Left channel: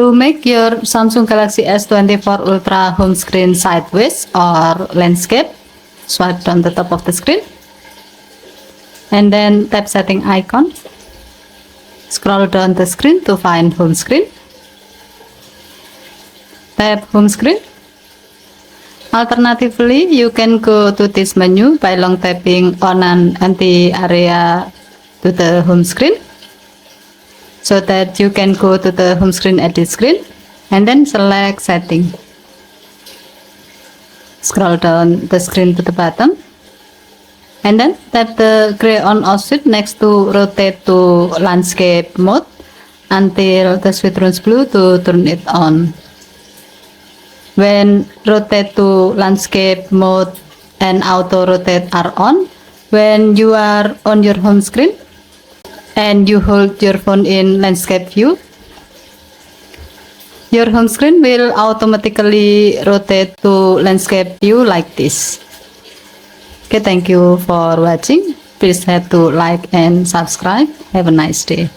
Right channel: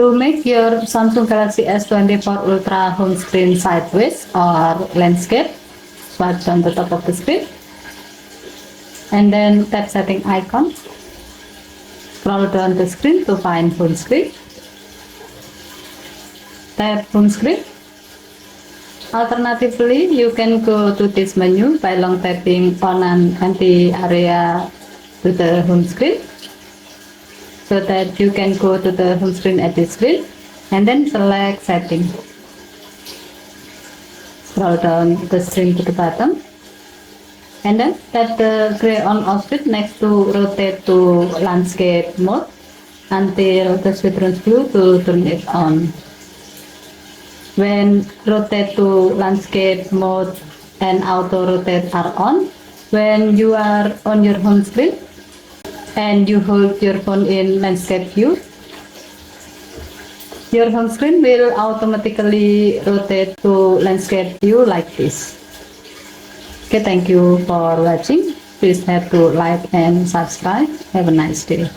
To make your Samsung Galaxy S24 Ultra home screen sideways or landscape, swipe down the top of the screen and then tap setting icon. Scroll down the screen to find home screen. Tap home screen. Alternatively, you can go to this menu by long tapping on an empty area to the home screen, so that you can go to the home screen edit screen and then select setting. Scroll down the screen to the bottom and then tap the gray on off switch next to rotate to landscape mode until the switch turns blue to turn it on. When rotate to landscape mode and auto rotate are on, when you are on your home screen and you hold your phone in landscape view, your home screen will automatically rotate to landscape view like this. Okay, thank you for watching. Please have to like and subscribe. Have a nice day.